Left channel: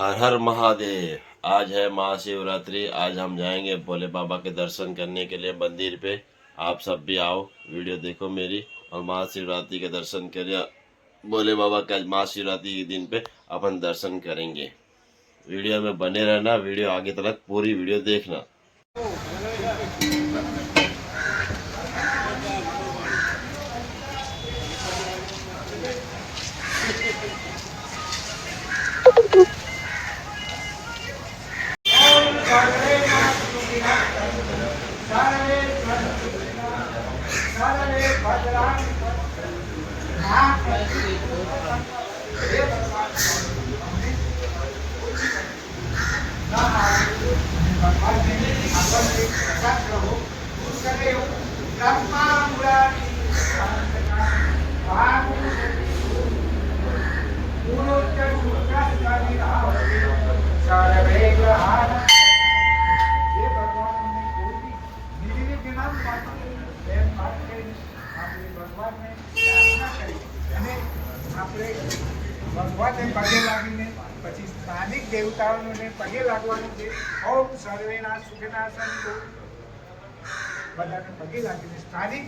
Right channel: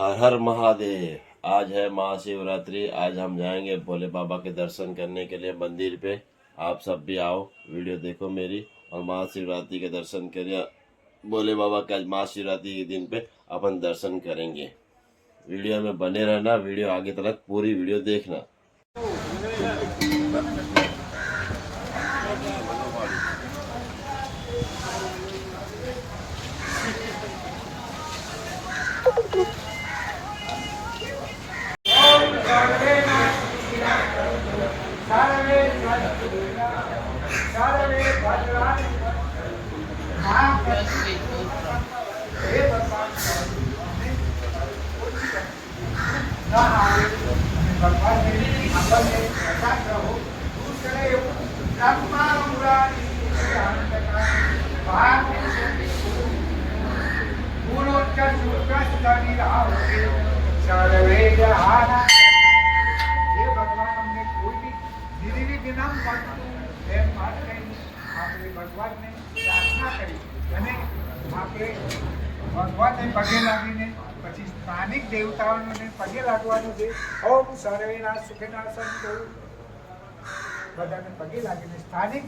हर हर महादेव। आज है महाशिवरात्रि। आज हम जाएंगे भोले बाबा के दर्शन करने के लिए मंदिर पे। आप सब भी आओ, वीडियो देखो मेरी और महाशिवरात्रि के दर्शन करिए। भोले बाबा के आज महाशिवरात्रि के दिन पे अपन दर्शन करेंगे। वीडियो में बने रहना, वीडियो आगे तक पूरी वीडियो देखना। ભગવાનને પગે લાગીને પછી સ્થાનિક દેવતાઓને પગે લાગવાનું છે. ઓમ સર્વેના સુખના સંતો બધાને પગે લાગીને સ્થાનિક